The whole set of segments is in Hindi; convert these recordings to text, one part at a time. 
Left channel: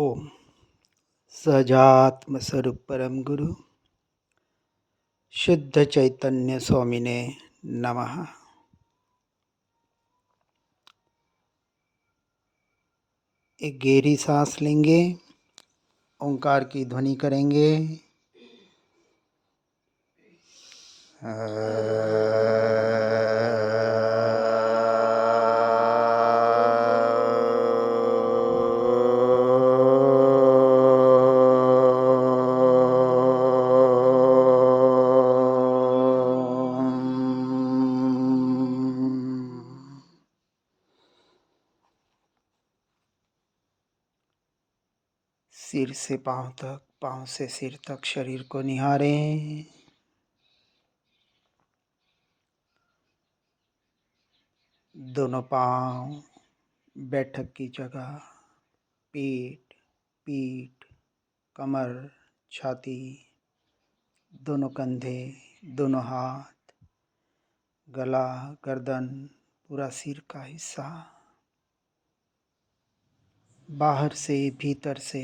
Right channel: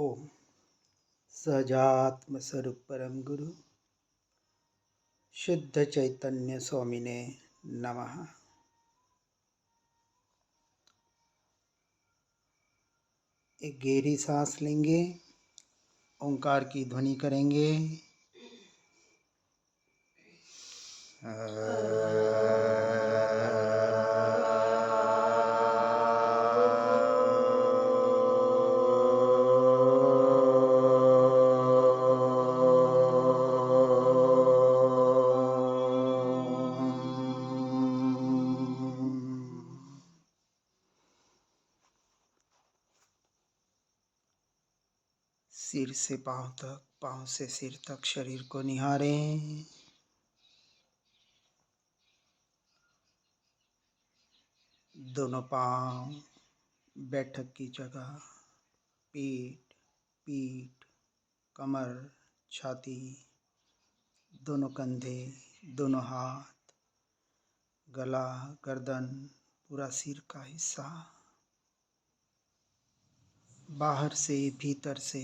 ओम सहजात्म स्वरूप परम गुरु शुद्ध चैतन्य स्वामिने नमः। एक गहरी सांस लेंगे, ओंकार की ध्वनि करेंगे। सिर से पांव तक, पांव से सिर तक शरीर को निहारें। दोनों पांव बैठक की जगह, पेट, पीठ, कमर, छाती, दोनों कंधे, दोनों हाथ, गला, गर्दन, पूरा सिर का हिस्सा, बाहर से भीतर से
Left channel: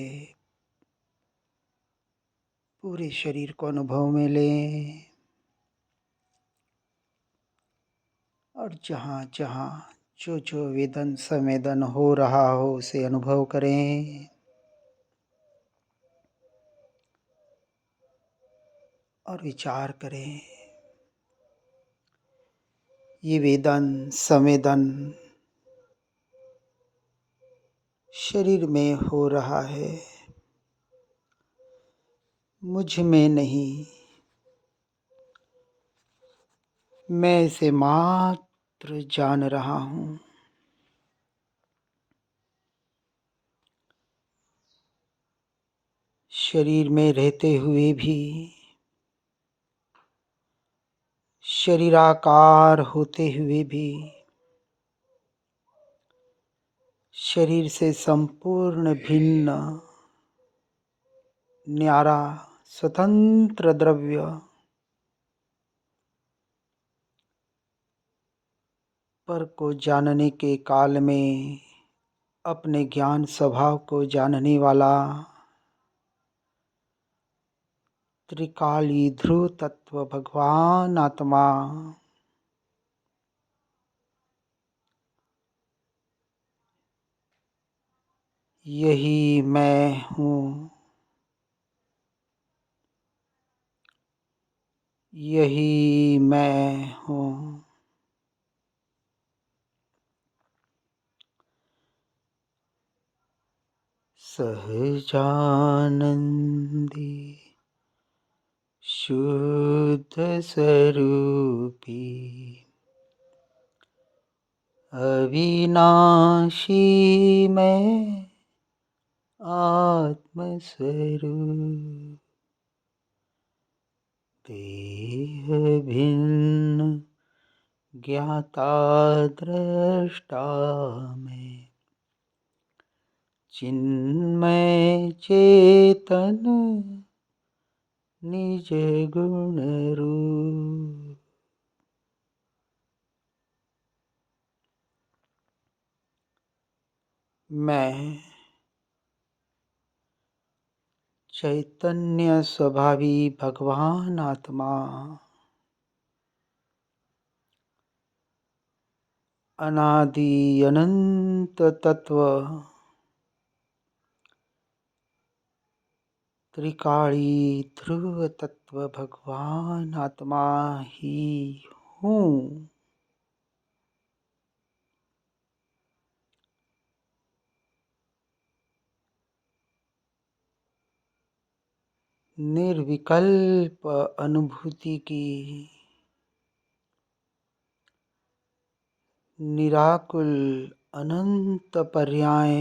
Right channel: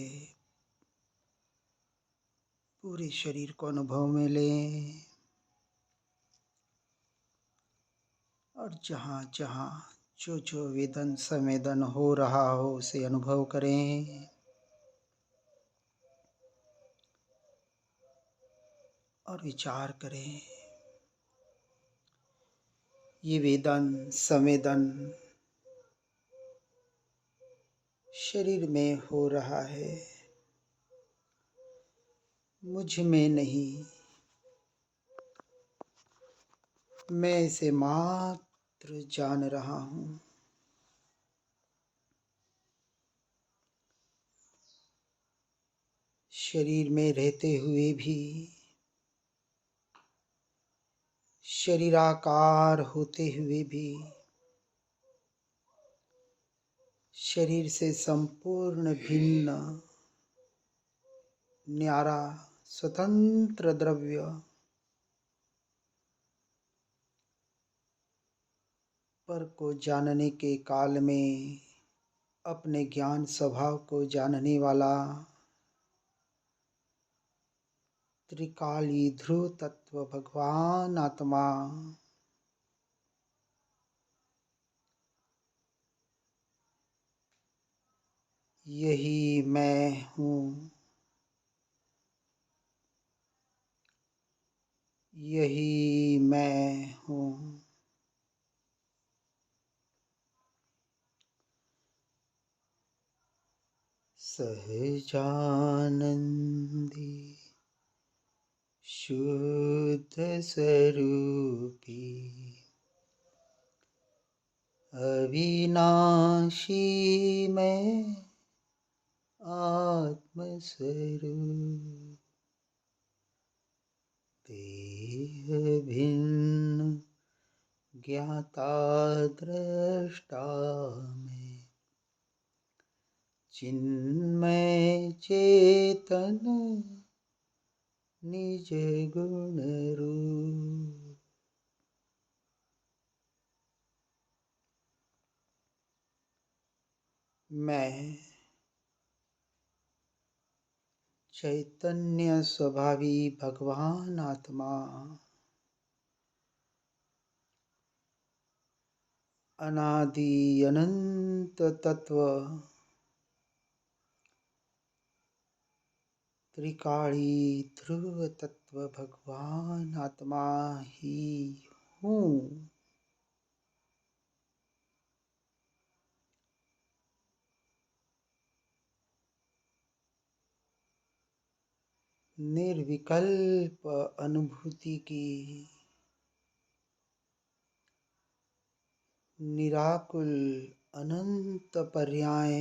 पूरे शरीर को अनुभव में लें। और जहाँ जहाँ जो वेदन संवेदन हो रहा हो उसे अनुभव करें। और विचार करें, ये वेदन संवेदन शरीर में हो रहा है, मुझ में नहीं। मैं इसे मात्र जान रहा हूँ। शरीर में रहते हुए भी, शरीराकार होते हुए भी, शरीर से संपूर्ण भिन्न न्यारा स्वतंत्र द्रव्य पर को जानने के काल में अपने ज्ञान स्वभाव को जानने वाला त्रिकाली ध्रुव तत्व भगवान आत्मा यही मैं हूँ। यही मैं हूँ। सहजानंदी शुद्ध स्वरूपी अविनाशी मैं आत्मस्वरूप, देह भिन्न ज्ञाता दृष्टा मैं, चिन्मय चेतन निज गुण रूप। मैं चैतन्य स्वभावी भगवान आत्मा अनादि अनंत तत्व त्रिकाली ध्रुव तत्व भगवान आत्मा ही हूँ। निर्विकल्प अनुभूति की निराकुल अनंत पर्याय,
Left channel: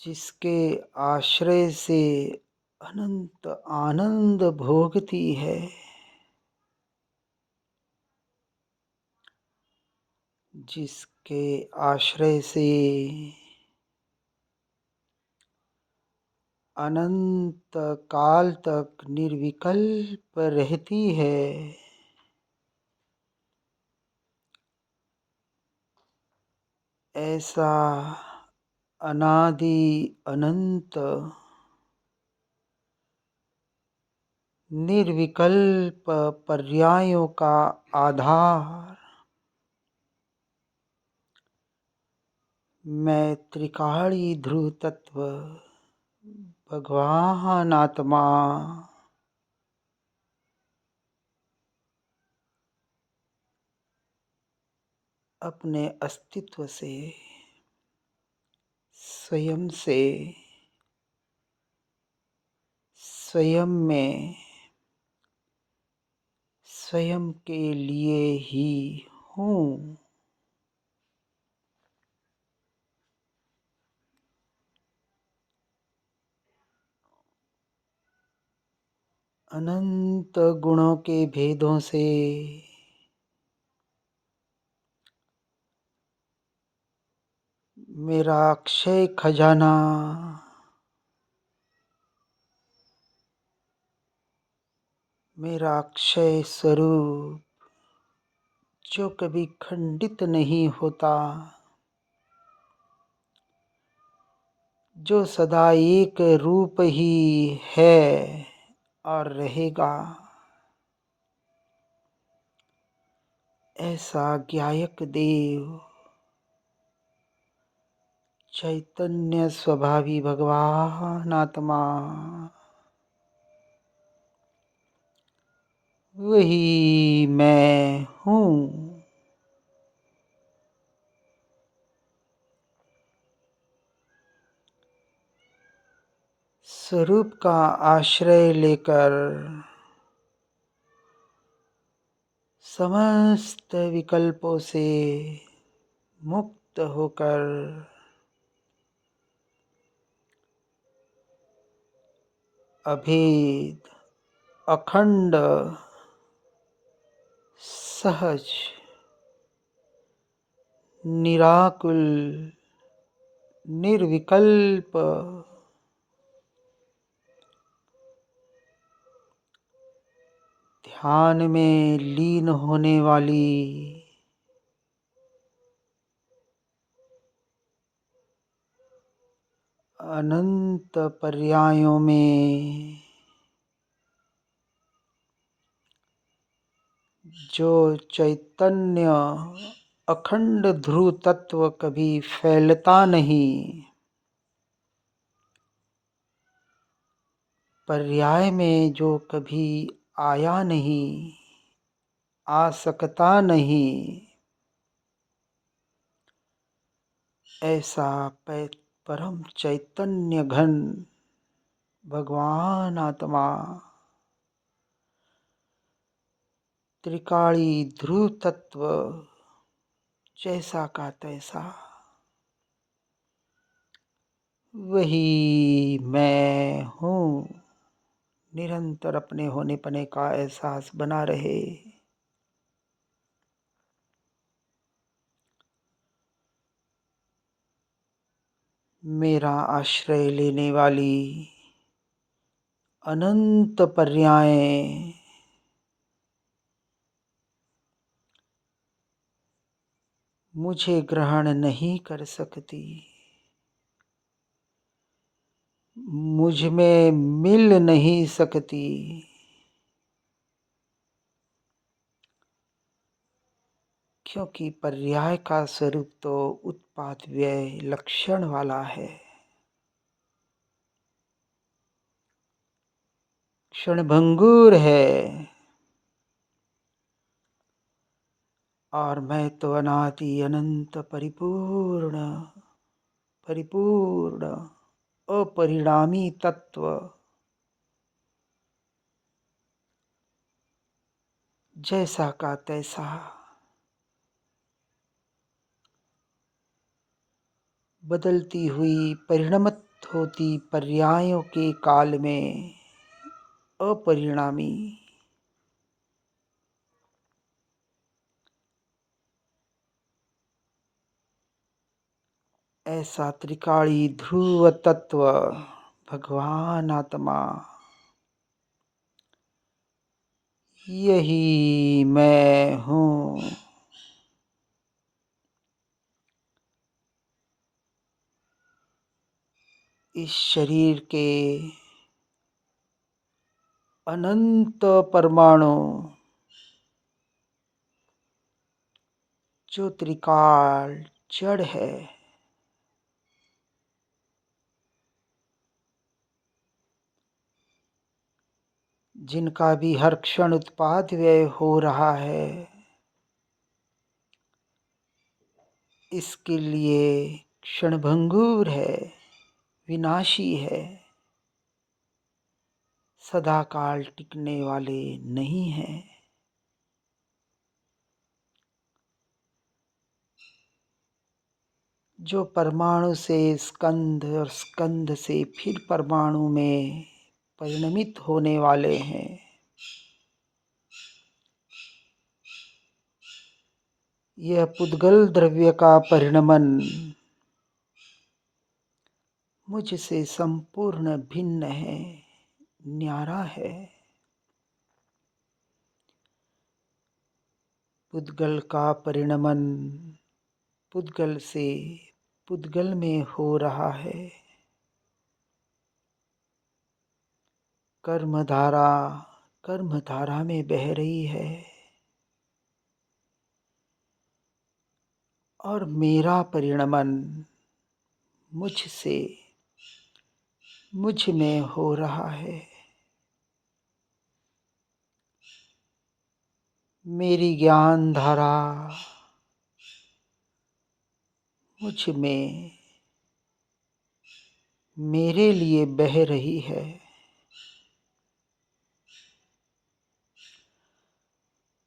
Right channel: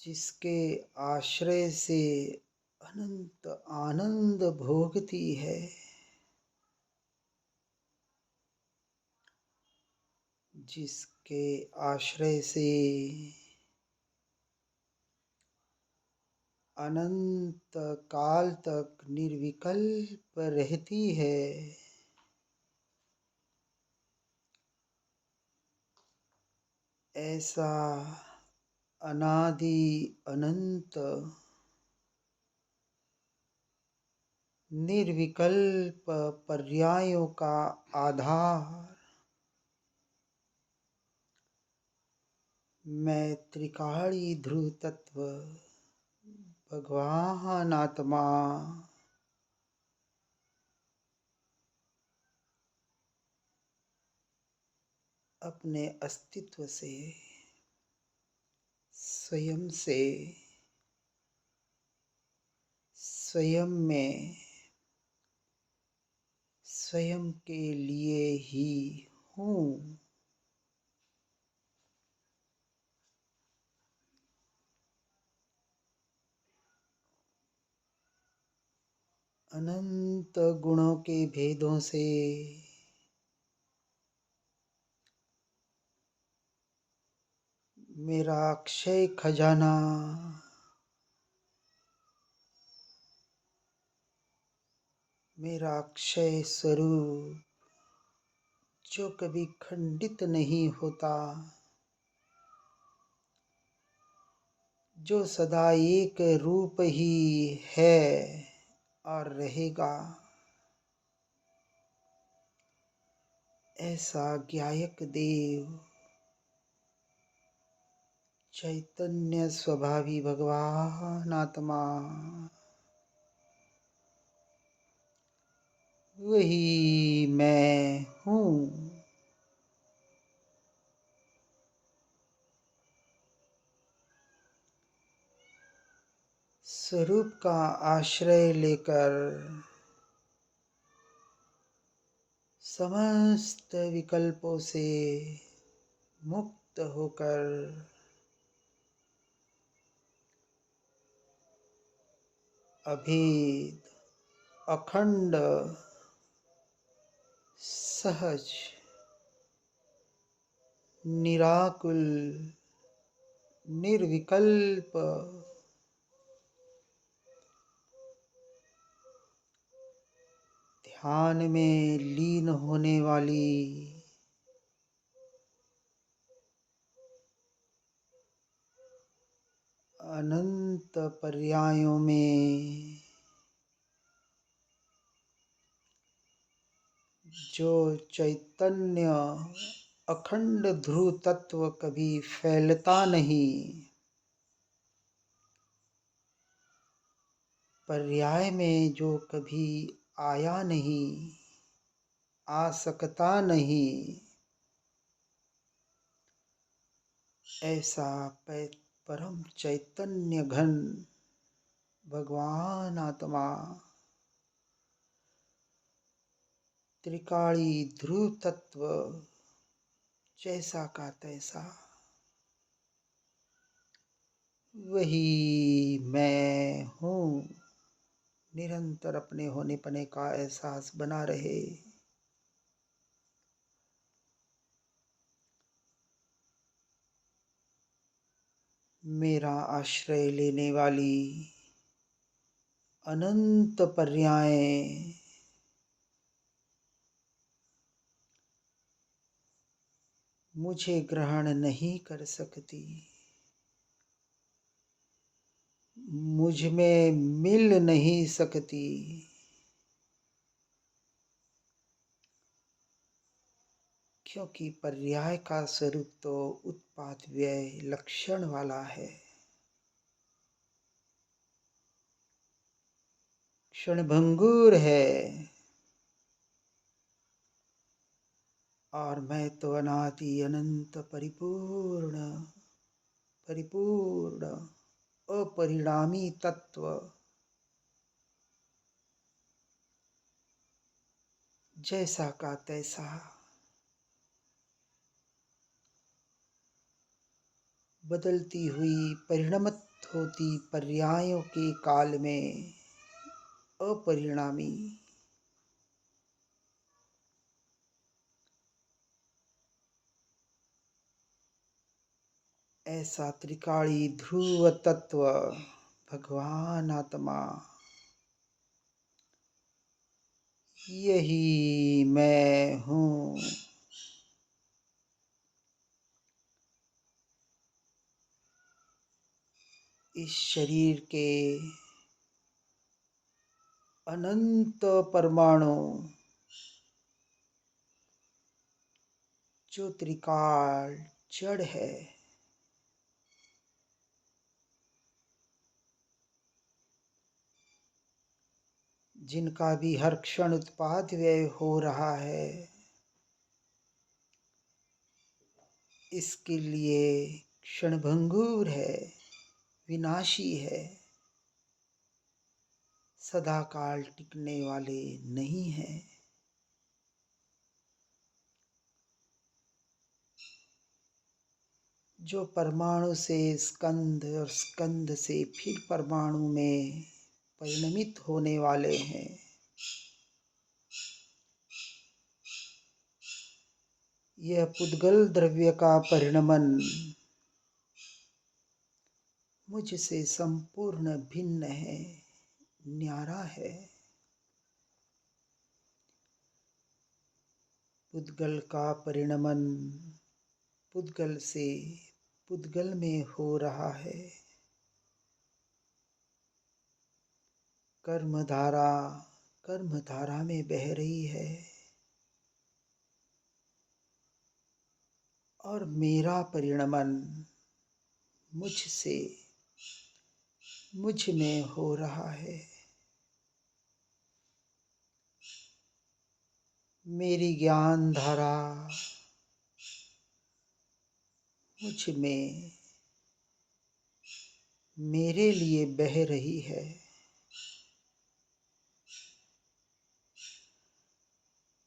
जिसके आश्रय से अनंत आनंद भोगती है, जिसके आश्रय से अनंत काल तक निर्विकल्प रहती है, ऐसा अनादि अनंत निर्विकल्प पर्यायों का आधार मैं त्रिकाली ध्रुव तत्व भगवान आत्मा अपने अस्तित्व से स्वयं से स्वयं में स्वयं के लिए ही हूँ। अनंत गुणों के भेदों से मेरा अक्षय खजाना मेरा अक्षय स्वरूप जो कभी खंडित नहीं होता, जो सदा एक रूप ही है और रहेगा, ऐसा ज्ञायक देव चैतन्य स्वभावी भगवान आत्मा वही मैं हूँ। स्वरूप का आश्रय लेकर समस्त विकल्पों से मुक्त होकर अभेद अखंड सहज निराकुल निर्विकल्प ध्यान में लीन होने वाली अनंत पर्यायों में जो चैतन्य अखंड ध्रुव तत्व कभी फैलता नहीं, पर्याय में जो कभी आया नहीं, आ सकता नहीं, ऐसा परम चैतन्य घन भगवान आत्मा त्रिकाली ध्रुव तत्व जैसा का तैसा वही मैं हूँ। निरंतर अपने होने पने का एहसास बना रहे। मेरा आश्रय लेने वाली अनंत पर्यायें मुझे ग्रहण नहीं कर सकती, मुझ में मिल नहीं सकती, क्योंकि पर्याय का स्वरूप तो उत्पात व्यय लक्षण वाला है, क्षणभंगुर है। और मैं तो अनादि अनंत परिपूर्ण परिपूर्ण अपरिणामी तत्व जैसा का तैसा बदलती हुई परिणमत होती पर्यायों के काल में अपरिणामी ऐसा त्रिकाली ध्रुव तत्व भगवान आत्मा यही मैं हूँ। इस शरीर के अनंत परमाणु जो त्रिकाल जड़ है, जिनका भी हर क्षण उत्पाद व्यय हो रहा है, इसके लिए क्षणभंगुर है, विनाशी है, सदा काल टिकने वाले नहीं हैं। जो परमाणु से स्कंध और स्कंध से फिर परमाणु में परिणमित होने वाले हैं, यह पुद्गल द्रव्य का परिणमन मुझसे संपूर्ण भिन्न है, न्यारा है। पुद्गल का परिणमन पुद्गल से पुद्गल में हो रहा है। कर्मधारा कर्मधारा में बह रही है और मेरा परिणमन मुझसे मुझ में हो रहा है। मेरी ज्ञान धारा मुझ में मेरे लिए बह रही है।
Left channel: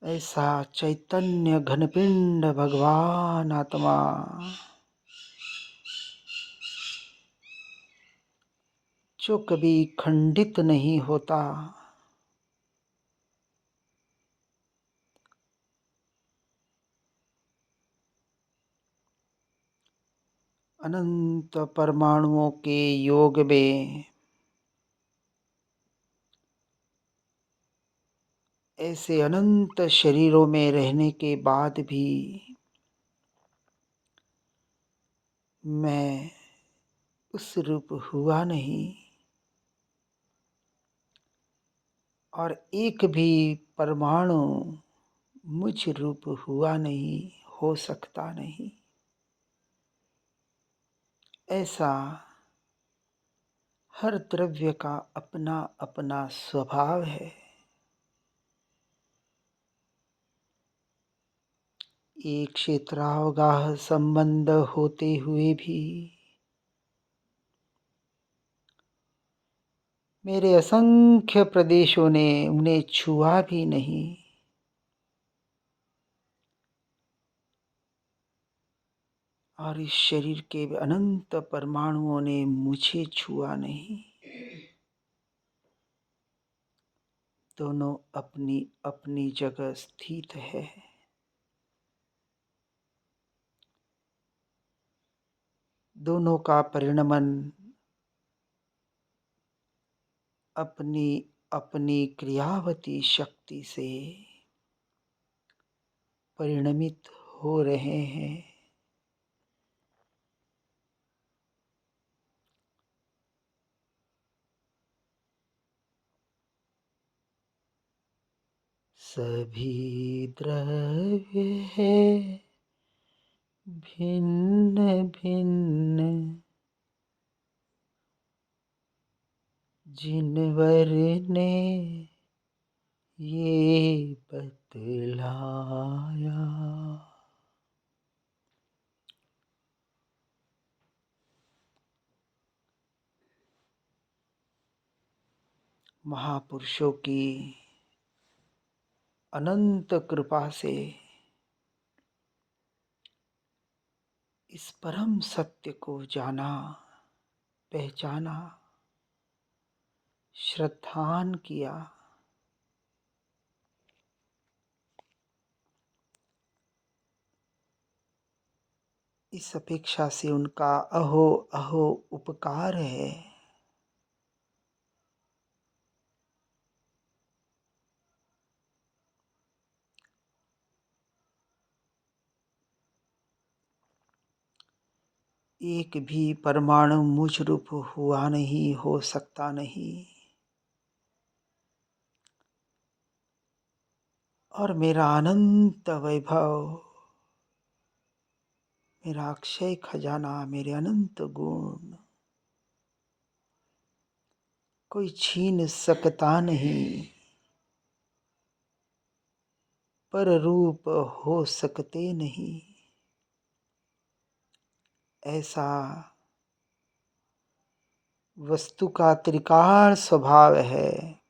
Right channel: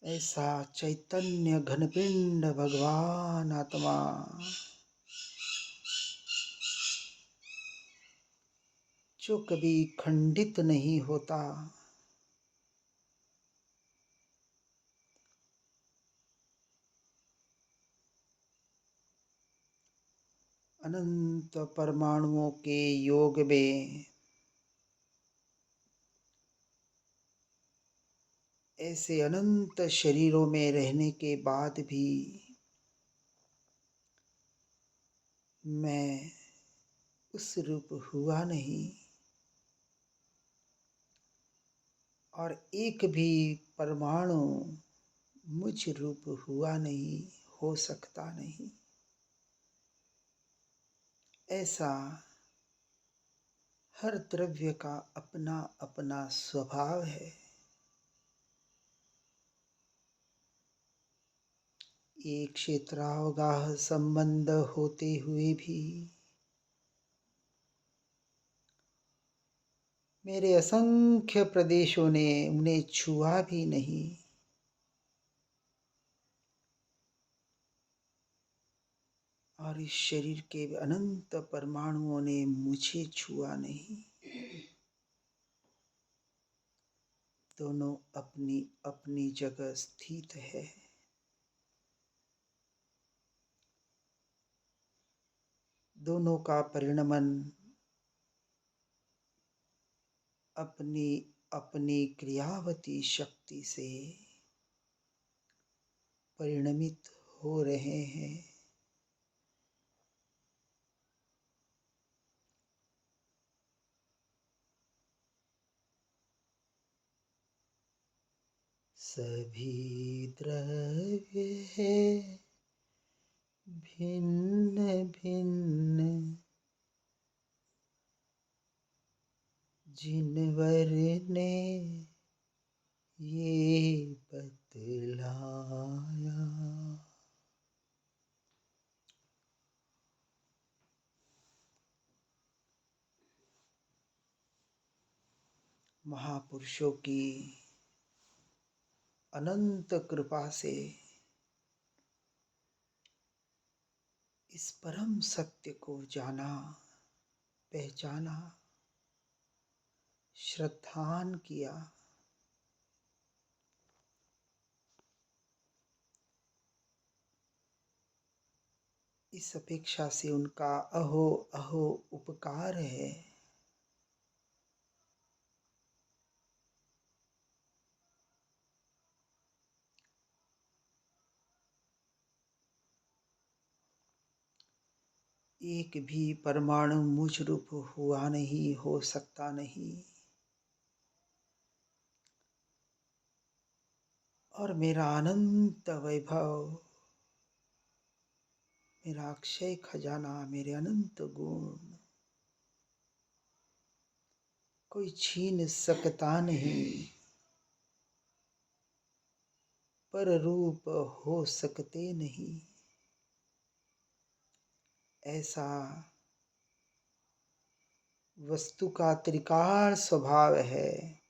ऐसा चैतन्य घनपिंड भगवान आत्मा जो कभी खंडित नहीं होता, अनंत परमाणुओं के योग में ऐसे अनंत शरीरों में रहने के बाद भी मैं उस रूप हुआ नहीं, और एक भी परमाणु मुझ रूप हुआ नहीं, हो सकता नहीं। ऐसा हर द्रव्य का अपना अपना स्वभाव है। एक क्षेत्रावगाह संबंध होते हुए भी मेरे असंख्य प्रदेशों ने उन्हें छुआ भी नहीं, और इस शरीर के अनंत परमाणुओं ने मुझे छुआ नहीं। दोनों अपनी अपनी जगह स्थित है। दोनों का परिणमन अपनी अपनी क्रियावती शक्ति से परिणमित हो रहे हैं। सभी द्रव्य है भिन्न भिन्न, जिनवर ने ये बतलाया। महापुरुषों की अनंत कृपा से इस परम सत्य को जाना, पहचाना, श्रद्धान किया। इस अपेक्षा से उनका अहो अहो उपकार है। एक भी परमाणु मुझ रूप हुआ नहीं, हो सकता नहीं। और मेरा अनंत वैभव, मेरा अक्षय खजाना, मेरे अनंत गुण कोई छीन सकता नहीं। पर रूप हो सकते नहीं। ऐसा वस्तु का त्रिकाल स्वभाव है।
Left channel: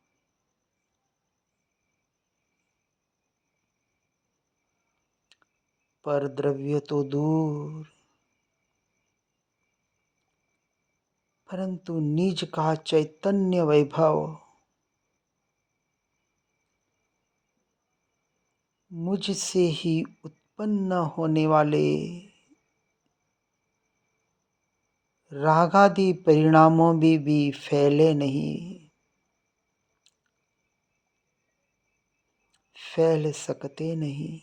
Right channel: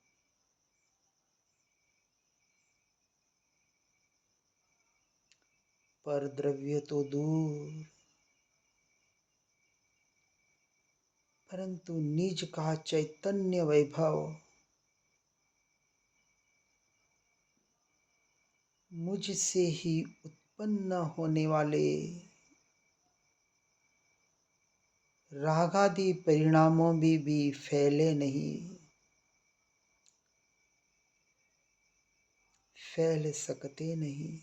पर द्रव्य तो दूर, परंतु निज का चैतन्य वैभव मुझसे ही उत्पन्न होने वाले रागादि परिणामों में भी फैले नहीं, फैल सकते नहीं।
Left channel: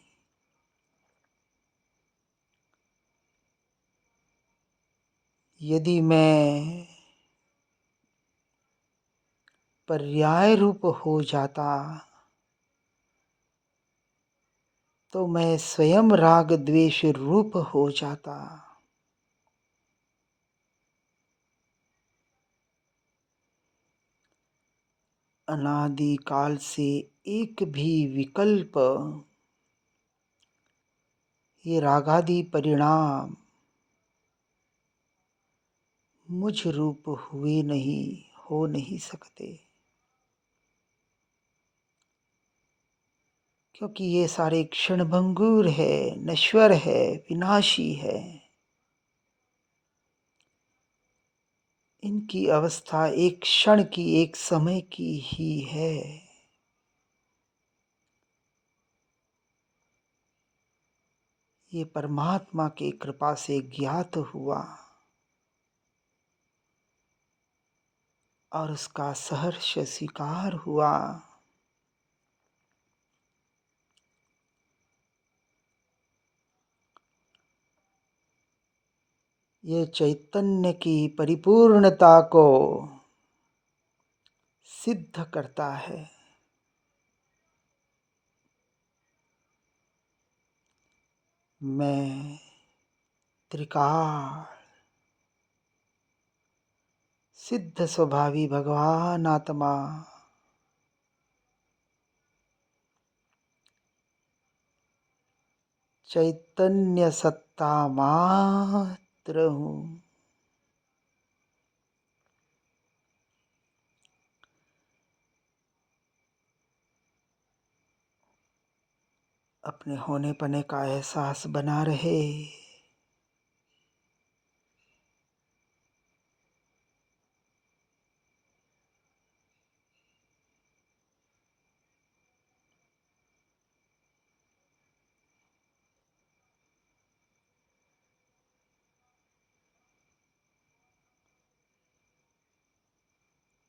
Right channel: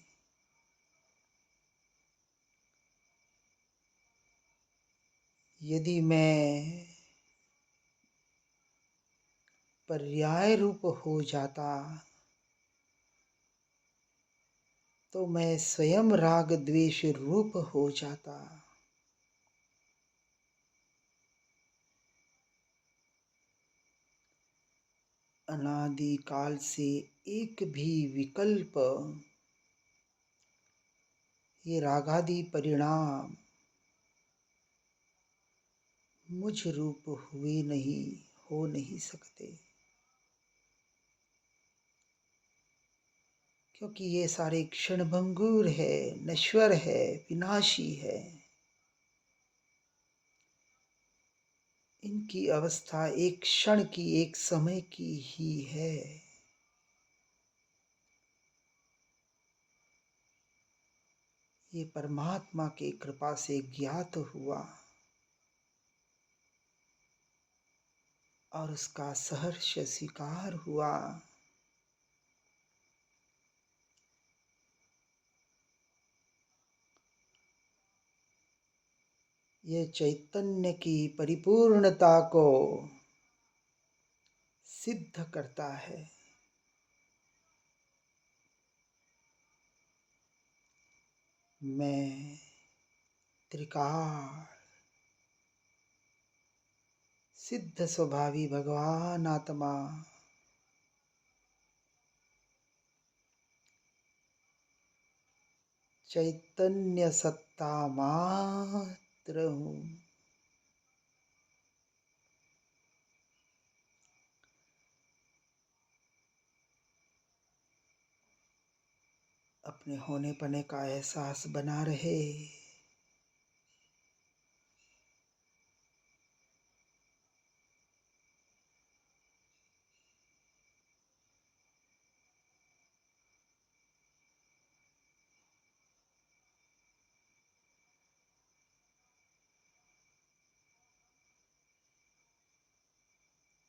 यदि मैं पर्याय रूप हो जाता तो मैं स्वयं राग द्वेष रूप हो जाता। अनादि काल से एक भी विकल्प, ये रागादि परिणाम मुझ रूप हुए नहीं, हो नहीं सकते। क्योंकि ये सारे क्षणभंगुर है, नश्वर है, विनाशी है। इनकी अवस्था एक क्षण की, एक समय की ही है। ये परमात्मा की कृपा से ज्ञात हुआ और उसका सहर्ष स्वीकार हुआ। ये चैतन्य की परिपूर्णता को सिद्ध करता है। मैं त्रिकाल सिद्ध स्वभावी भगवान आत्मा चैतन्य सत्ता मात्र हूँ। अपने होने पने का एहसास बना रहे।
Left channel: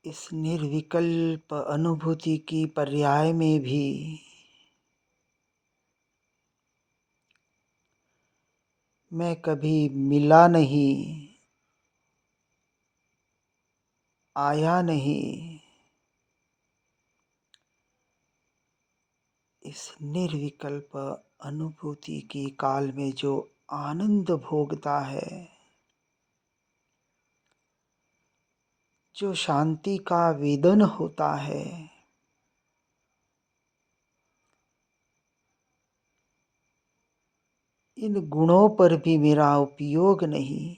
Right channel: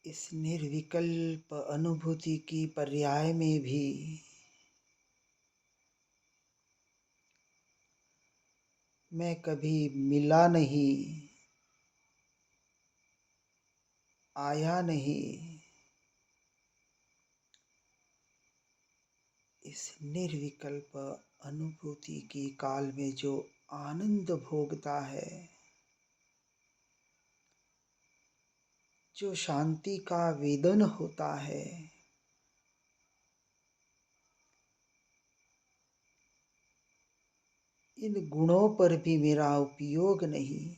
इस निर्विकल्प अनुभूति की पर्याय में भी मैं कभी मिला नहीं, आया नहीं। इस निर्विकल्प अनुभूति की काल में जो आनंद भोगता है, जो शांति का वेदन होता है, इन गुणों पर भी मेरा उपयोग नहीं।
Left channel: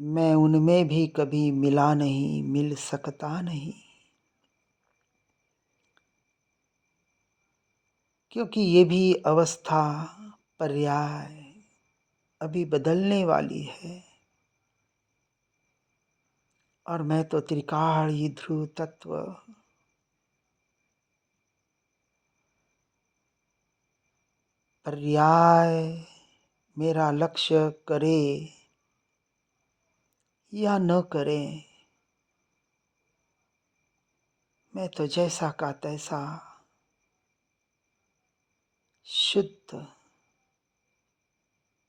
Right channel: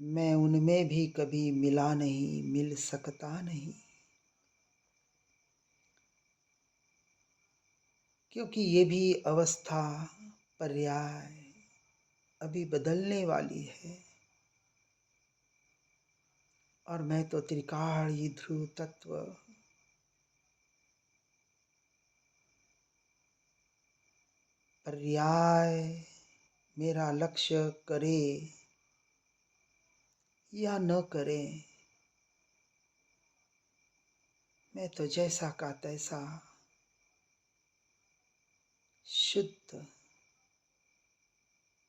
मैं उनमें भी कभी मिला नहीं, मिल सकता नहीं। क्योंकि ये भी अवस्था पर्याय अभी बदलने वाली है। और मैं तो त्रिकालीय ध्रुव तत्व, पर्याय मेरा लक्ष्य करे या न करे, मैं तो जैसा का तैसा शुद्ध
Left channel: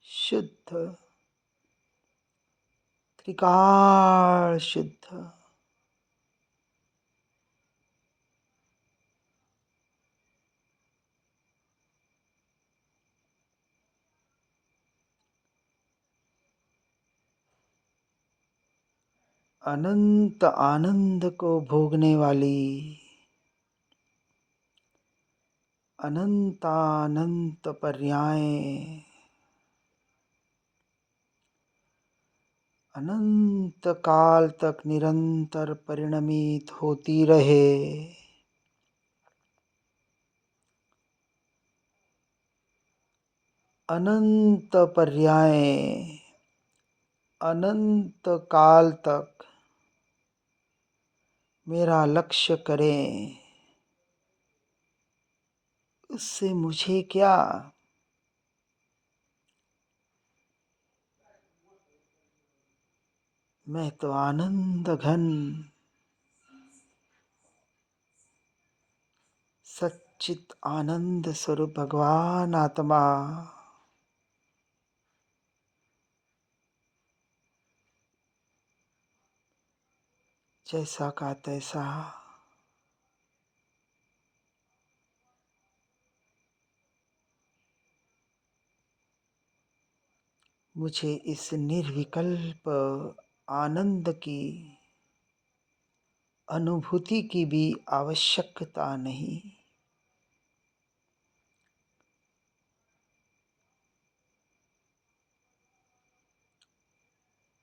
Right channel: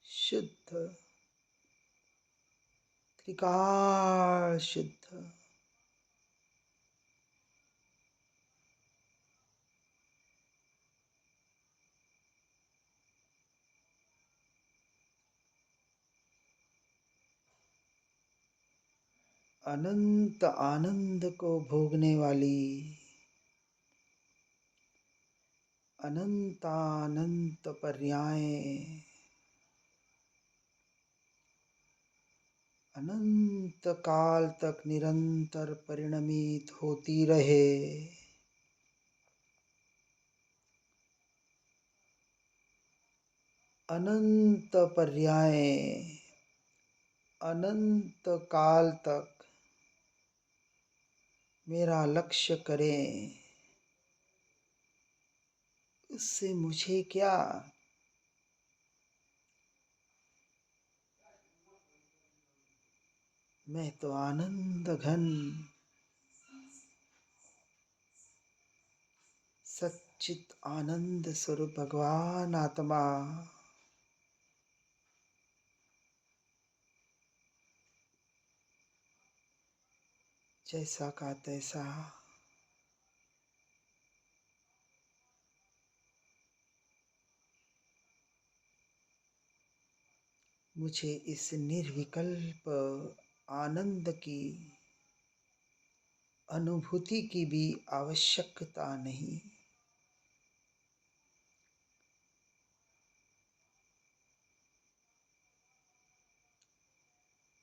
शुद्ध त्रिकाल शुद्ध। अनंत आनंद को भोगने वाली अनंतानंत पर्याय अनंत काल तक निरंतर परिणमित होती रहे। अनंत पर्याय अनंत काल तक मेरा लक्ष्य करें, उससे मुझे क्या। मैं तो आनंद घन सच्चित आनंद स्वरूप भगवान आत्मा जैसा का तैसा मुझे इस निर्विकल्प आनंद की अनुभूति की भी आवश्यकता नहीं,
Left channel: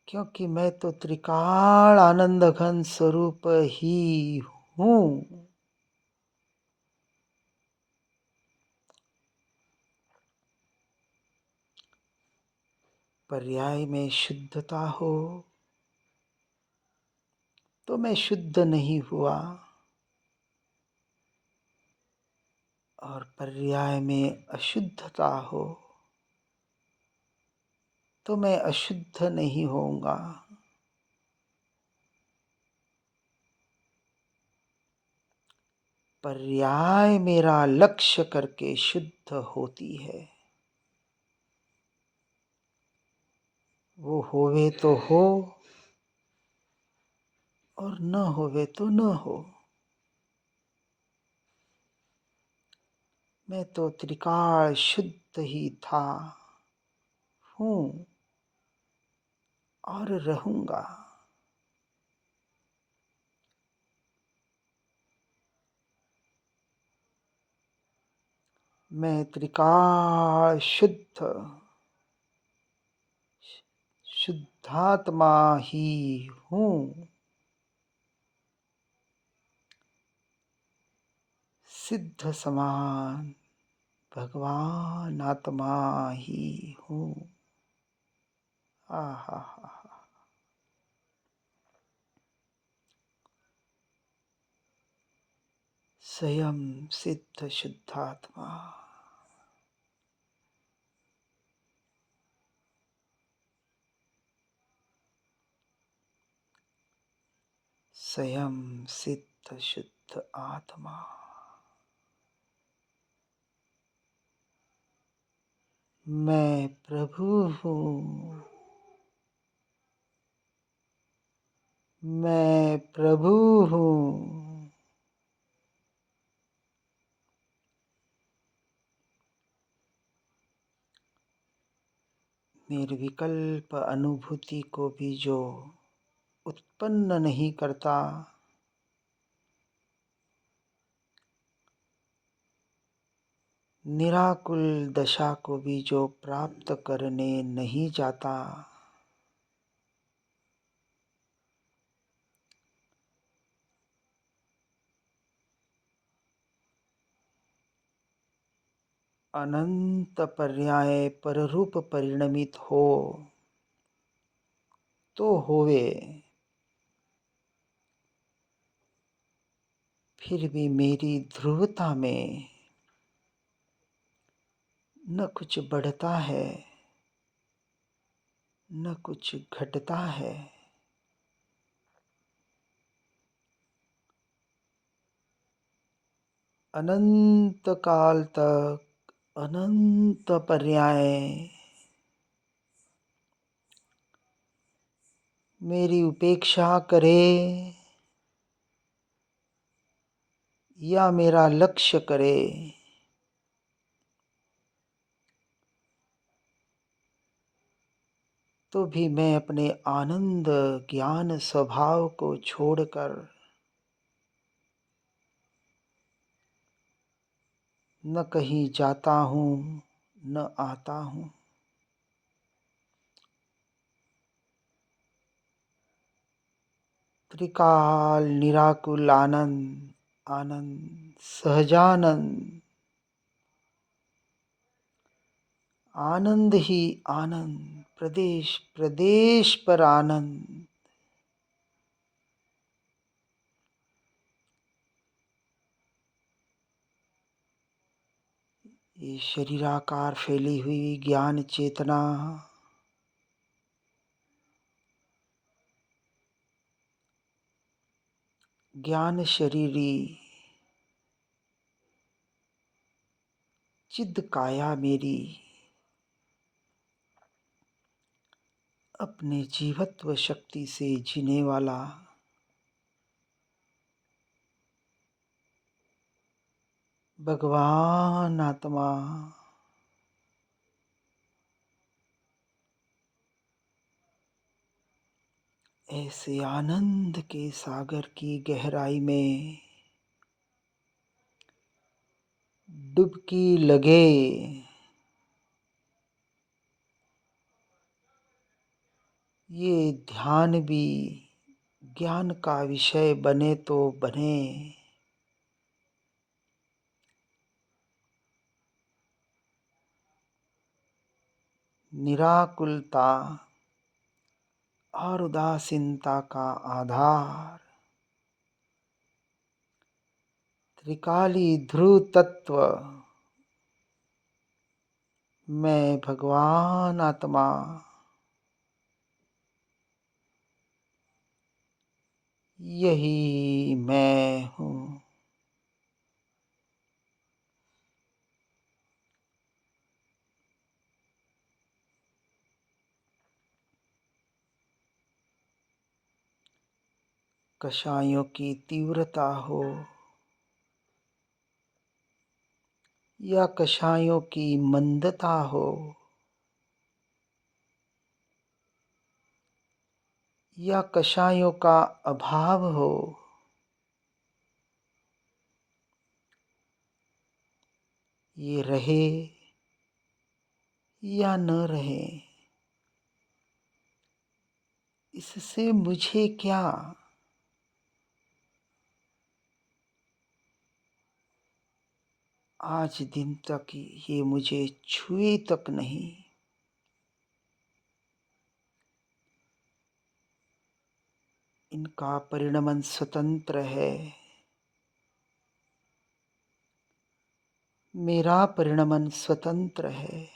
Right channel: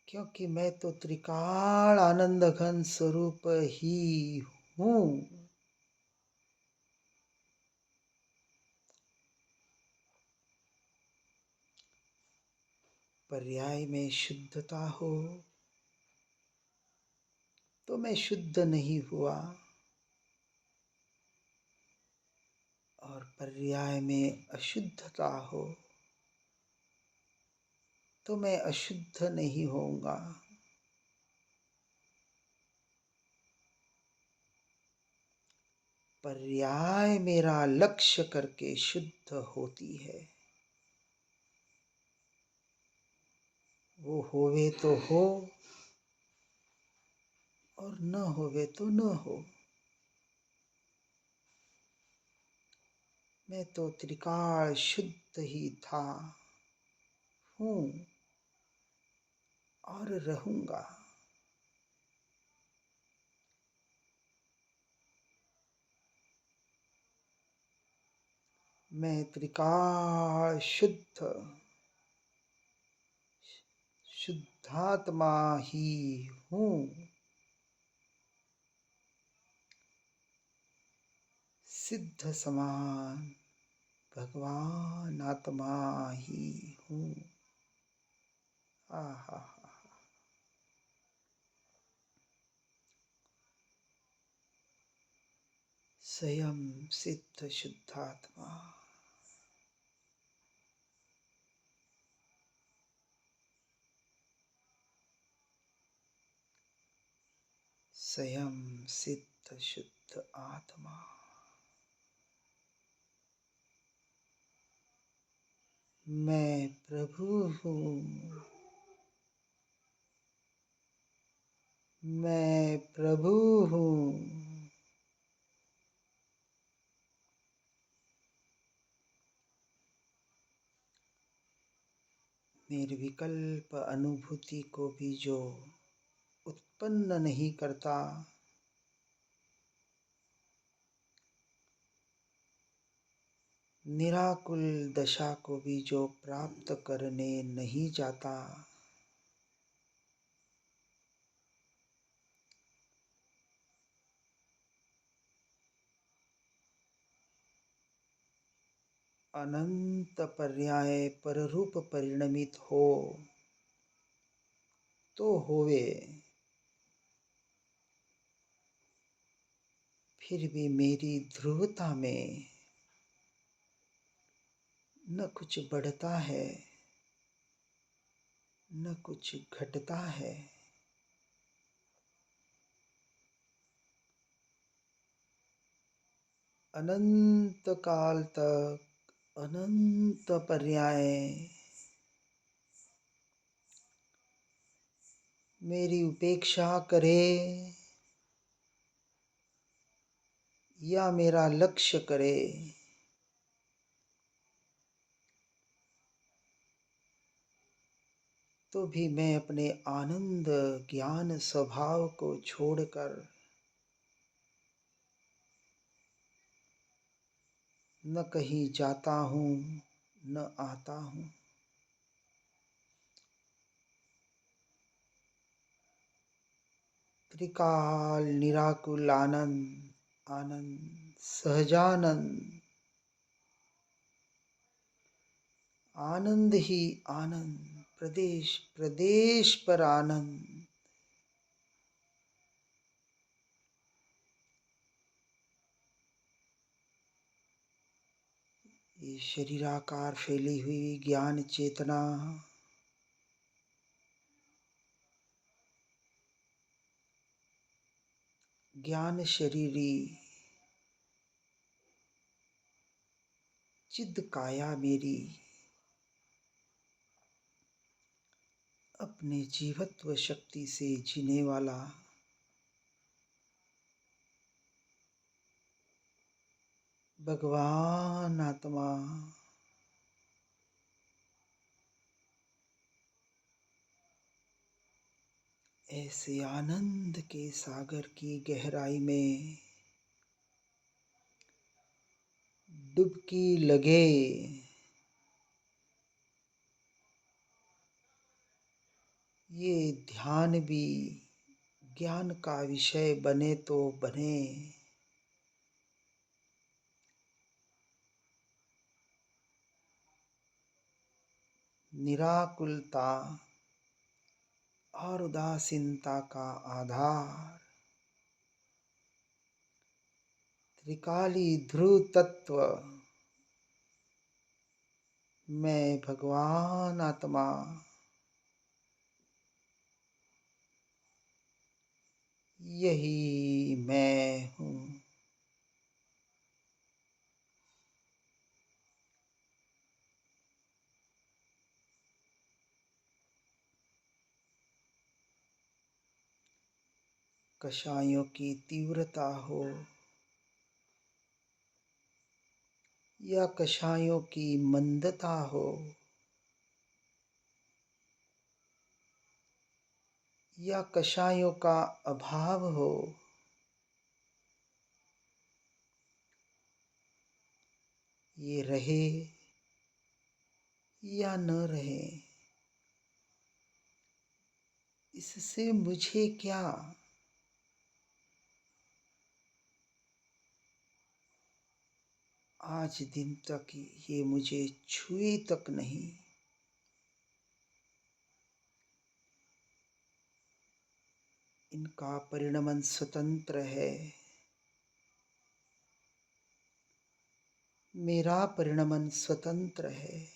क्योंकि मैं तो त्रिकाल आनंद घन स्वरूप ही हूँ। पर्याय में शुद्धता हो तो मैं शुद्ध नहीं हुआ, और पर्याय में अशुद्धता हो तो मैं अशुद्ध नहीं होऊंगा। पर्याय मेरा लक्ष्य करके शुद्ध होती है। वो होवे तो हो और न होवे तो न हो। मैं तो त्रिकाल शुद्ध ही था, हूँ और रहूंगा। मैं त्रिकाल शुद्ध शुद्धात्मा ही हूँ। सिद्ध समान भगवान आत्मा ही हूँ। आहा, स्वयं सिद्ध शुद्धात्मा। स्वयं सिद्ध शुद्ध आत्मा। मैं प्रभु हूँ। मैं प्रभु हूँ। निर्विकल्प अनुभूति को भी जो उत्पन्न नहीं करता, निराकुल दशा को भी जो प्राप्त करने नहीं जाता, अनंत पर्याय पररूप परिणमित हो तो होवे, फिर भी मेरी ध्रुवता में न कुछ बढ़ता है न कुछ घटता है। अनंत काल तक अनंत पर्याय मेरी उपेक्षा करे या मेरा लक्ष्य करे, तो भी मैं अपने आनंद ज्ञान स्वभाव को छोड़कर न कहीं जाता हूँ न आता हूँ। त्रिकाल निराकुल आनंद, आनंद सहजानंद, आनंद ही आनंद, प्रदेश प्रदेश पर आनंद। ये शरीराकार फैली हुई ज्ञान चेतना ज्ञान शरीरी चिद काया मेरी अपने जीवत्व शक्ति से जीने वाला भगवान आत्मा ऐसे आनंद के सागर की गहराई में डुबकी लगे। ये ध्यान भी ज्ञान का विषय बने तो बने। निराकुलता और उदासीनता का आधार त्रिकाली ध्रुव तत्व मैं भगवान आत्मा यही मैं हूँ। कषायों की तीव्रता हो या कषायों की मंदता हो या कषायों का अभाव हो, ये रहे या न रहे, इससे मुझे क्या। आज दिन तक ये मुझे छुए तक नहीं। इनका परिणमन स्वतंत्र है, मेरा परिणमन स्वतंत्र है।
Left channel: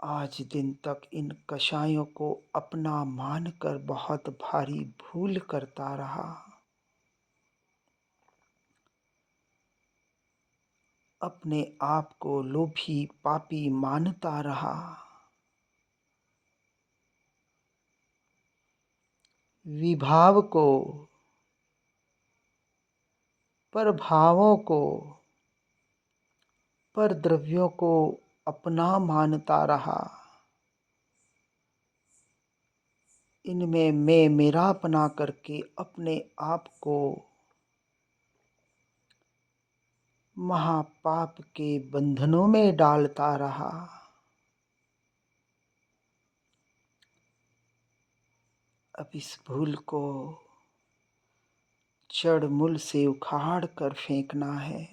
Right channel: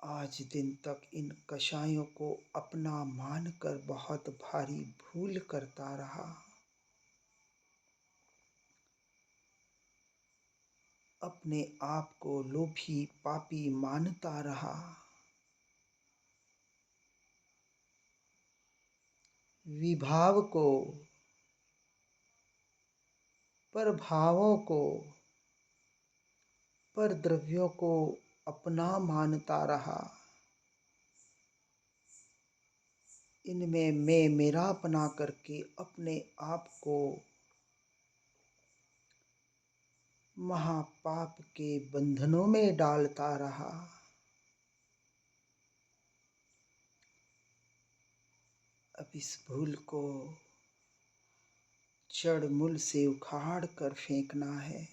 आज दिन तक इन कषायों को अपना मानकर बहुत भारी भूल करता रहा। अपने आप को लोभी पापी मानता रहा। विभाव को, प्रभावों को, पर द्रव्यों को अपना मानता रहा। इनमें मैं मेरापना करके अपने आप को महापाप के बंधनों में डालता रहा। अब इस भूल को जड़ मूल से उखाड़ कर फेंकना है।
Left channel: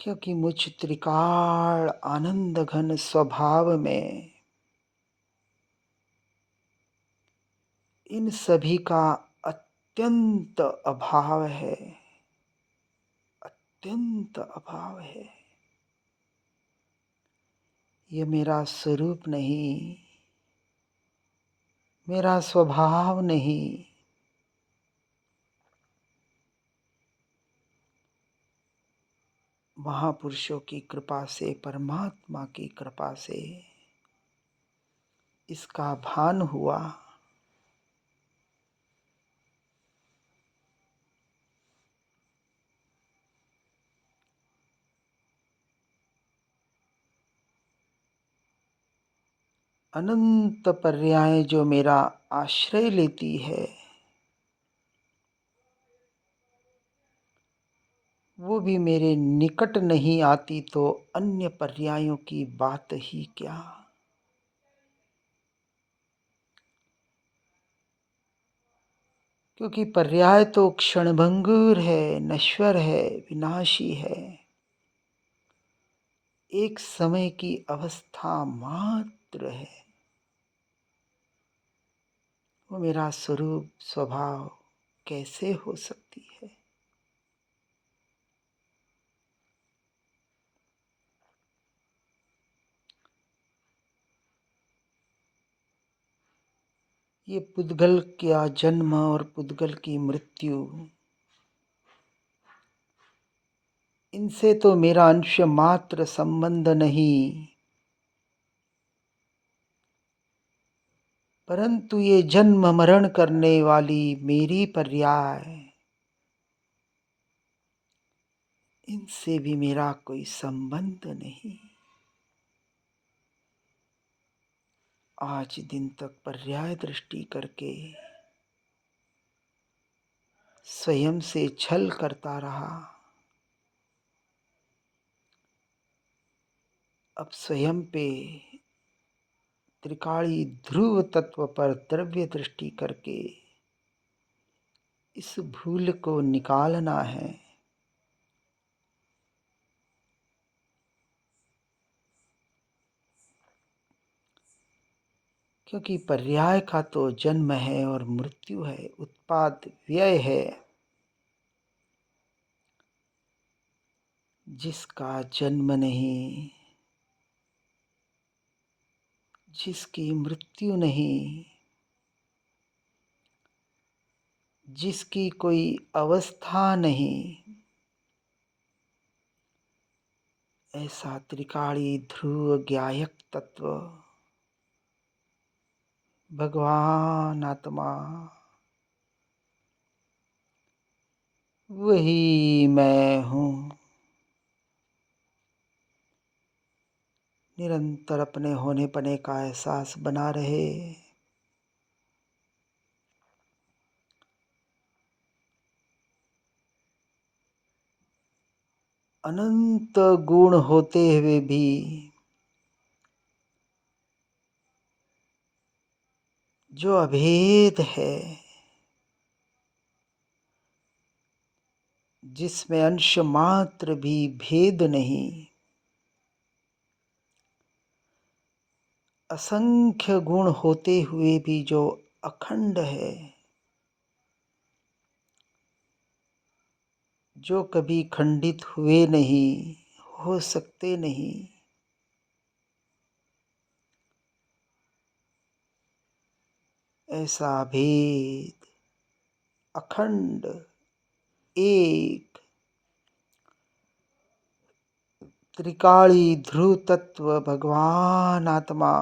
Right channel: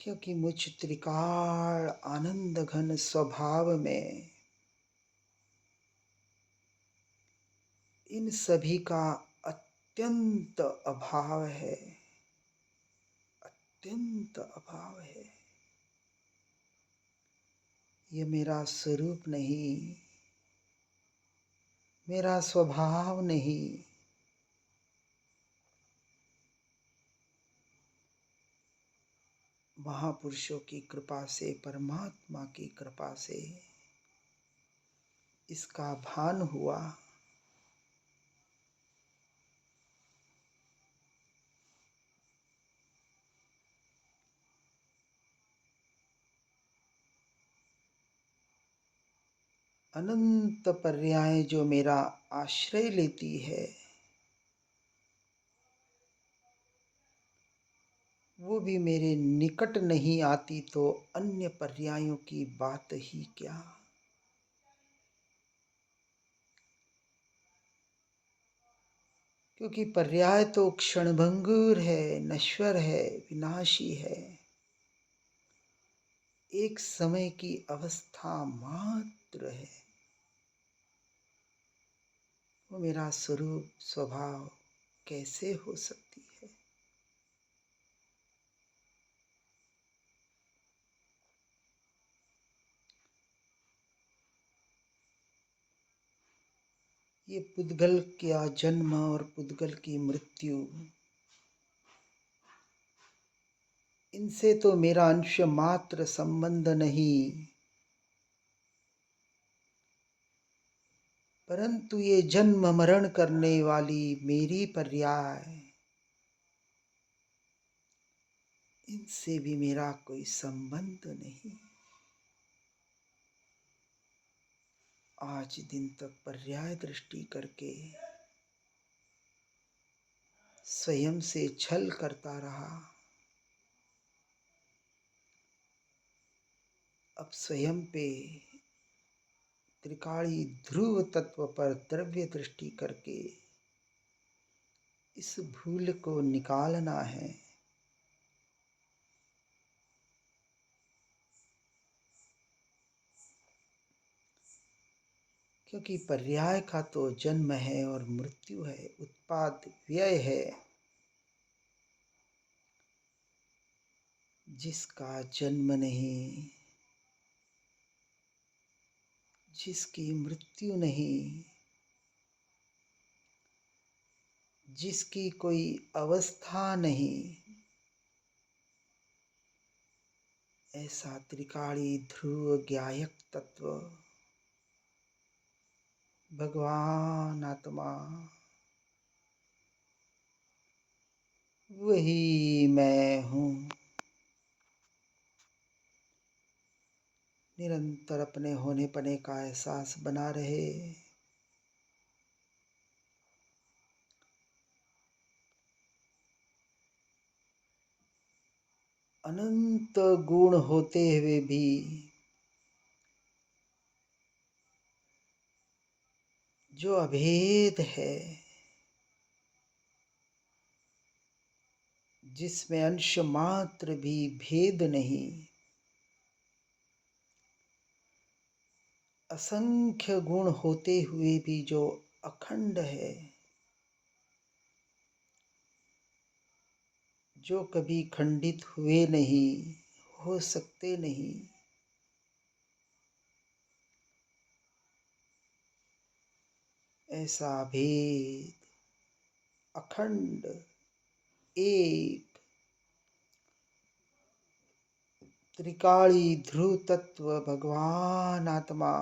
क्योंकि मुझ त्रिकाल आनंद घन स्वभाव में इन सभी का अत्यंत अभाव है, अत्यंत अभाव है। ये मेरा स्वरूप नहीं, मेरा स्वभाव नहीं। महापुरुषों की कृपा से, परमात्मा की कृपा से इसका भान हुआ। अनंत पर्याय जो मेरा आश्रय लेती है, वो भी मेरे निकट नहीं आती तो अन्य पर्यायों की बात ही क्या। क्योंकि पर्याय तो क्षणभंगुर है, नश्वर है, विनाशी है, एक समय की अवस्था मात्र है। वो मेरा स्वरूप, स्वभाव कैसे हो सकती है। ये पुद्गल का जन्म और पुद्गल की मृत्यु, इनसे तो मेरा अंश मात्र संबंध नहीं, परंतु ये जन्म मरण करने वाली मेरी पर्याय, इनसे भी मेरा कोई संबंध नहीं। आज दिन तक पर्याय दृष्टि करके स्वयं से छल करता रहा। अब स्वयं पे त्रिकाली ध्रुव तत्व पर द्रव्य दृष्टि करके इस भूल को निकालना है। क्योंकि पर्याय का तो जन्म है और मृत्यु है, उत्पाद व्यय है। जिसका जन्म नहीं, जिसकी मृत्यु नहीं, जिसकी कोई अवस्था नहीं, ऐसा त्रिकाली ध्रुव ज्ञायक तत्व भगवान आत्मा, वही मैं हूँ। निरंतर अपने होने पने का एहसास बना रहे। अनंत गुण होते हुए भी जो अभेद है, जिसमें अंश मात्र भी भेद नहीं, असंख्य गुण होते हुए भी जो अखंड है, जो कभी खंडित हुए नहीं, हो सकते नहीं, ऐसा भेद अखंड एक त्रिकाली ध्रुव तत्व भगवान आत्मा,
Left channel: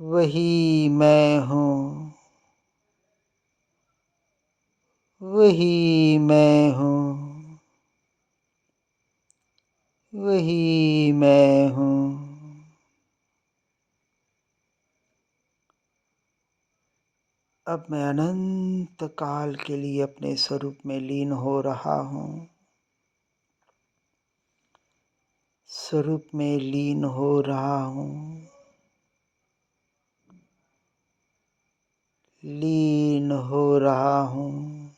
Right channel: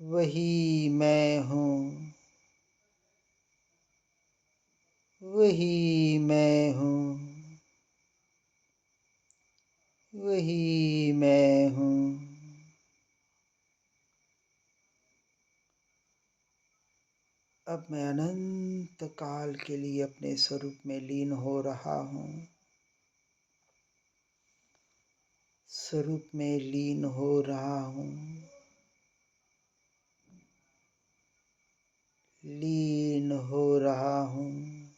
वही मैं हूँ, वही मैं हूँ, वही मैं हूँ। अब मैं अनंत काल के लिए अपने स्वरूप में लीन हो रहा हूँ। स्वरूप में लीन हो रहा हूँ, लीन हो रहा हूँ,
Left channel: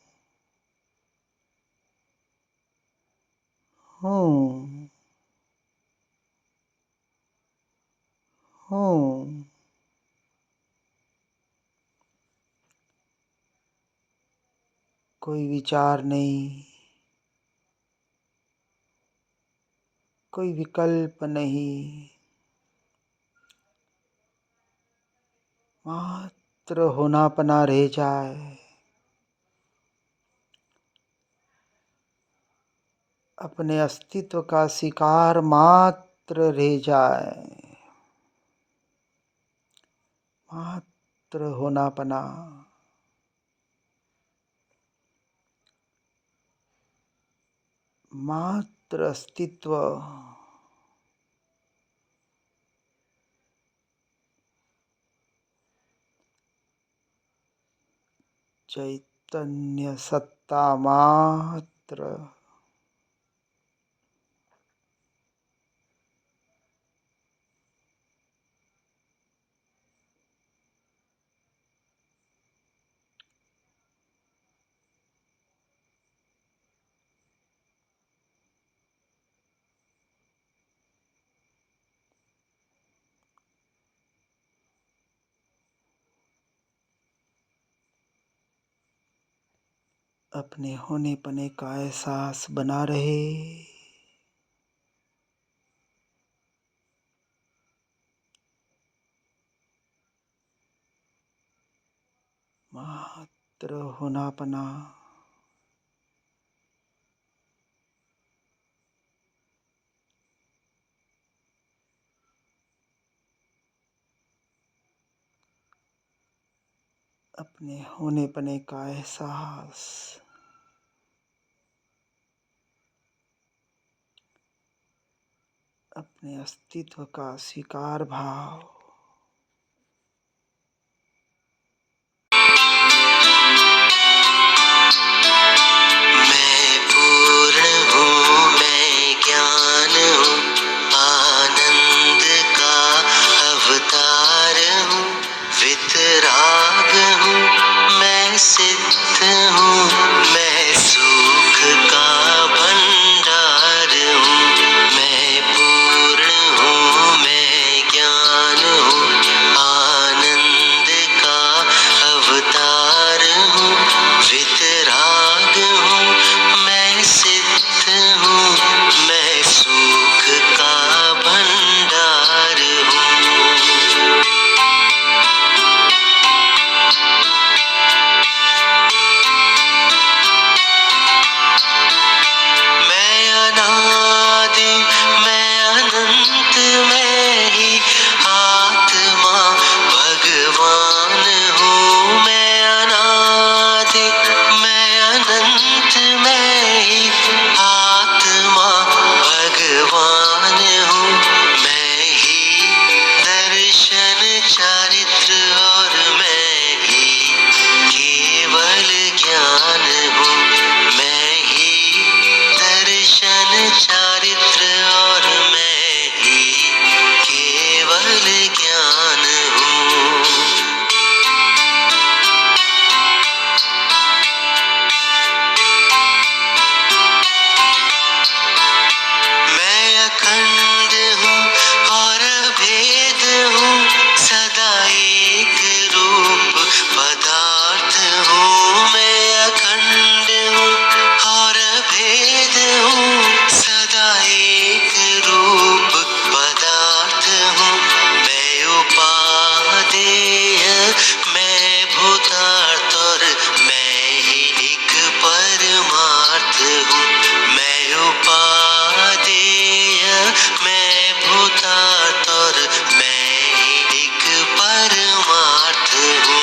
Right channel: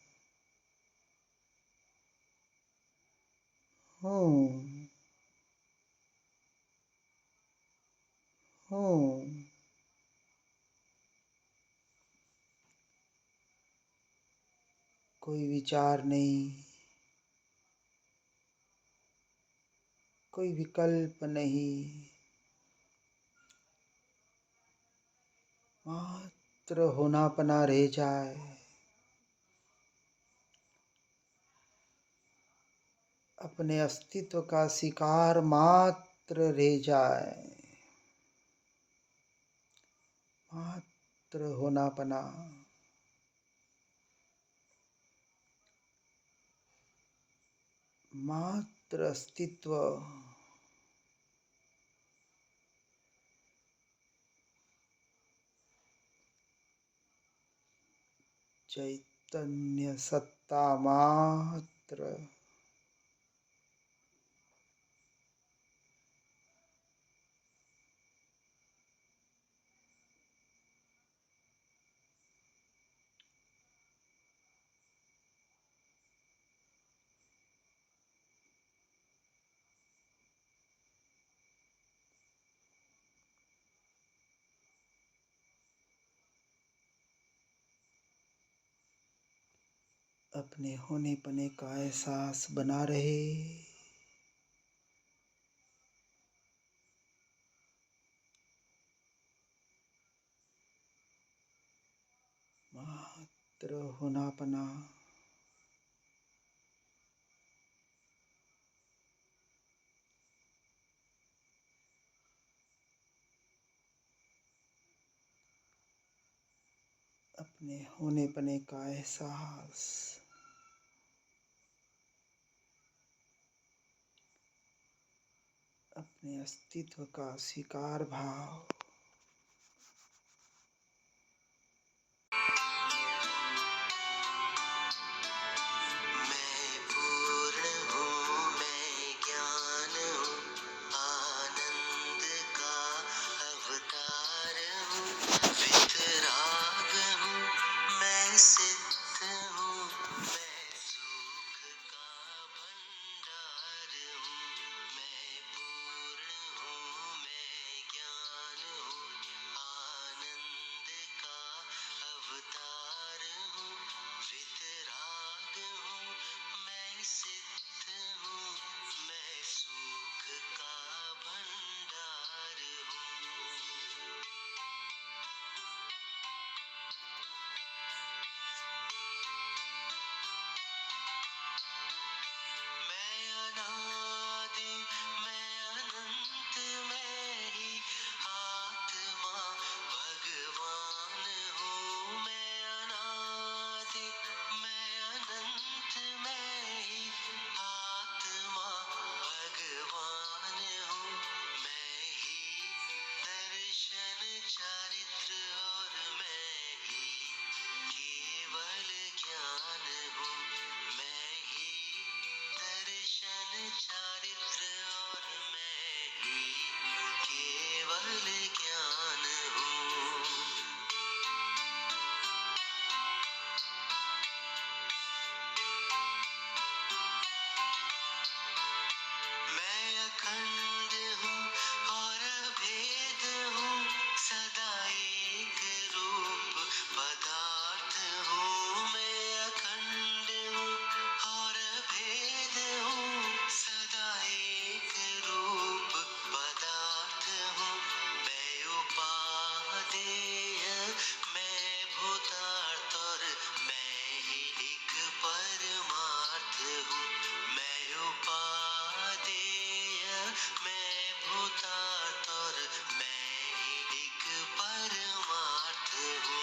हूँ, हूँ। कोई विचार नहीं, कोई विकल्प नहीं, मात्र होनापना रह जाए। अपने अस्तित्व का शिकार मात्र रह जाए, मात्र होनापना। मात्र अस्तित्व। चैतन्य सत्ता मात्र। अपने होने पने का एहसास बना रहे। मात्र होनापना। अपने होने पने का एहसास। अपने अस्तित्व का स्वीकार भाव। मैं पूर्ण हूँ, मैं ज्ञान हूँ, आनंद का अवतार हूँ, वितराग हूँ, मैं सिद्ध हूँ, मैं सुख का भंडार हूँ। मैं पूर्ण हूँ, मैं ज्ञान हूँ, आनंद का अवतार हूँ, वितराग हूँ, मैं सिद्ध हूँ, मैं सुख का भंडार हूँ। मैं अनादि, मैं अनंत, मैं ही आत्मा भगवान हूँ। मैं अनादि, मैं अनंत, मैं ही आत्मा भगवान हूँ। मैं ही दर्शन चारित्र और मैं ही केवल ज्ञान हूँ। मैं ही दर्शन चारित्र और मैं ही केवल ज्ञान हूँ। मैं अखंड हूँ और अभेद हूँ, सदा एक रूप पदार्थ हूँ। मैं अखंड हूँ और अभेद हूँ, सदा एक रूप पदार्थ हूँ। मैं उपादेय, मैं भूतार्थ और मैं ही एक परमार्थ हूँ। मैं उपादेय, मैं भूतार्थ और मैं ही एक परमार्थ हूँ।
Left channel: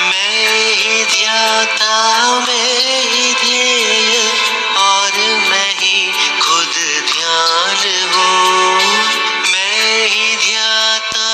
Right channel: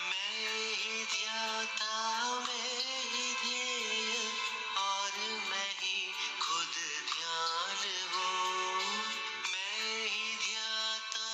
मैं ही ध्याता, मैं ही ध्येय और मैं ही खुद ध्यान हूँ। मैं ही ध्याता,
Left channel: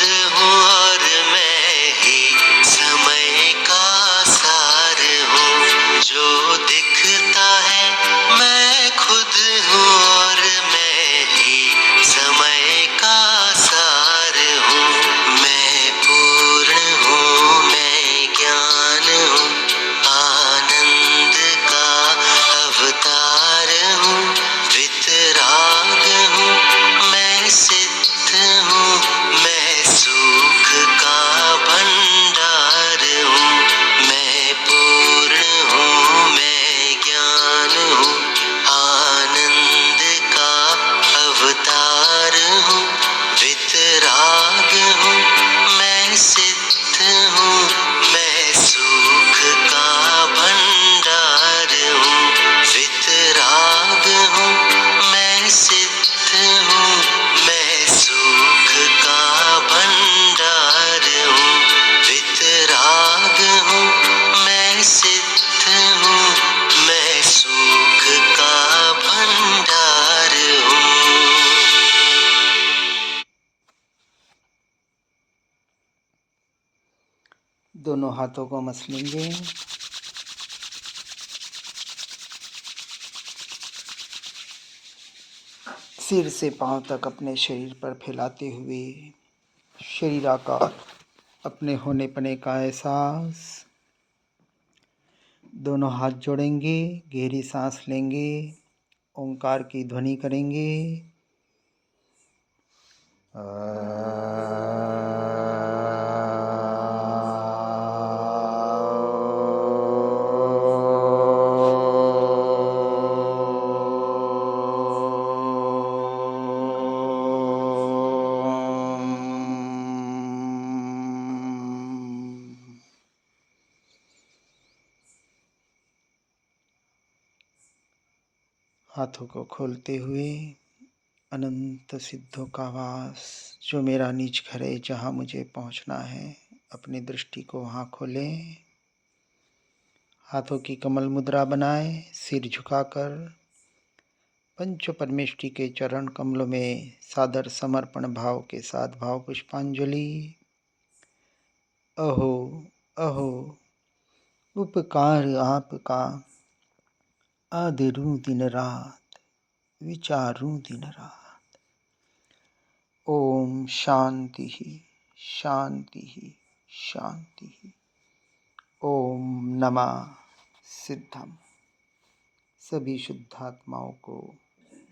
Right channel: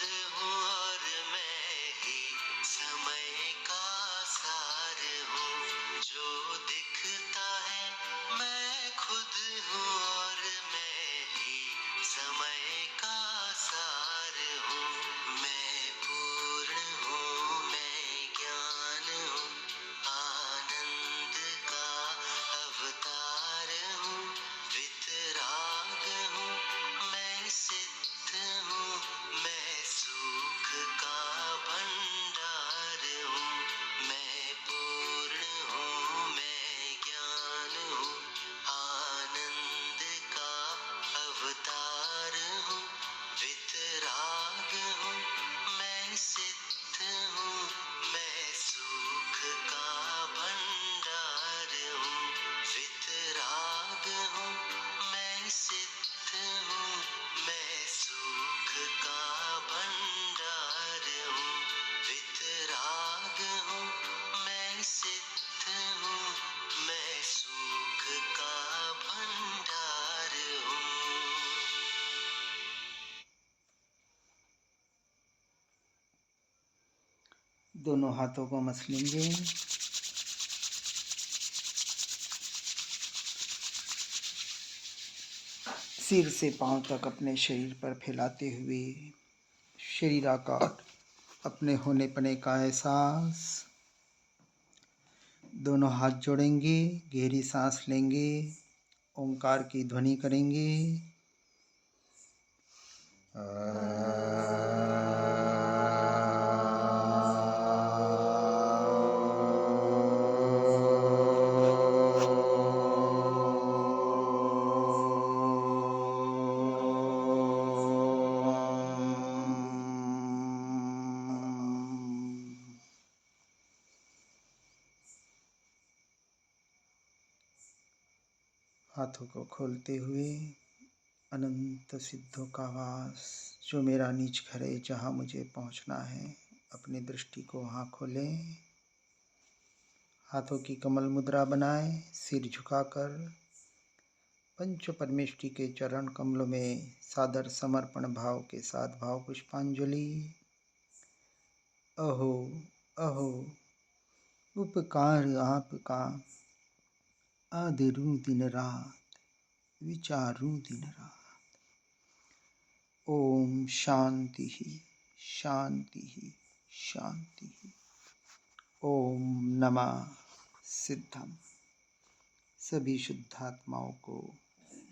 खुद हूँ और मैं ही समय का सार हूँ। जो दिखता है मैं खुद हूँ और मैं ही समय का सार हूँ। मैं पूर्ण हूँ, मैं ज्ञान हूँ, आनंद का अवतार हूँ, वितराग हूँ, मैं सिद्ध हूँ, मैं सुख का भंडार हूँ। मैं पूर्ण हूँ, मैं ज्ञान हूँ, आनंद का अवतार हूँ, वितराग हूँ, मैं सिद्ध हूँ, मैं सुख का भंडार हूँ। वितराग हूँ, मैं सिद्ध हूँ, मैं सुख का भंडार हूँ। वितराग हूँ, मैं सिद्ध हूँ, मैं सुख का भंडार हूँ। दोनों हाथों को मसलेंगे। सिर से पांव तक अपने शरीर पर फैलाते हुए शरीराकार अपने होने पने का एहसास। दोनों हाथ जोड़ेंगे, गहरी सांस लेंगे, ओंकार की ध्वनि करेंगे। हाथों को खोलते हुए अनंत सिद्धों का वास, जो मेरा निज घर है, जहाँ मुझे पहुँचना है, अपनी दृष्टि को वहाँ खोलें। हाथों की कमल मुद्रा बनाएं, सिर झुकाकर पंच परमेष्टि के चरण कमलों में सादर समर्पण भाव के साथ भाव पुष्पांजलि। अहो अहो उपकार आपका, आदरूं दिन रात, विचारूं दिन रात। ओम शांति शांति शांति। ओम नमः सिद्धम। सभी शुद्धात्माओं को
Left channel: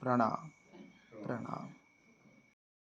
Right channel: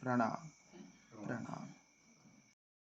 प्रणाम प्रणाम।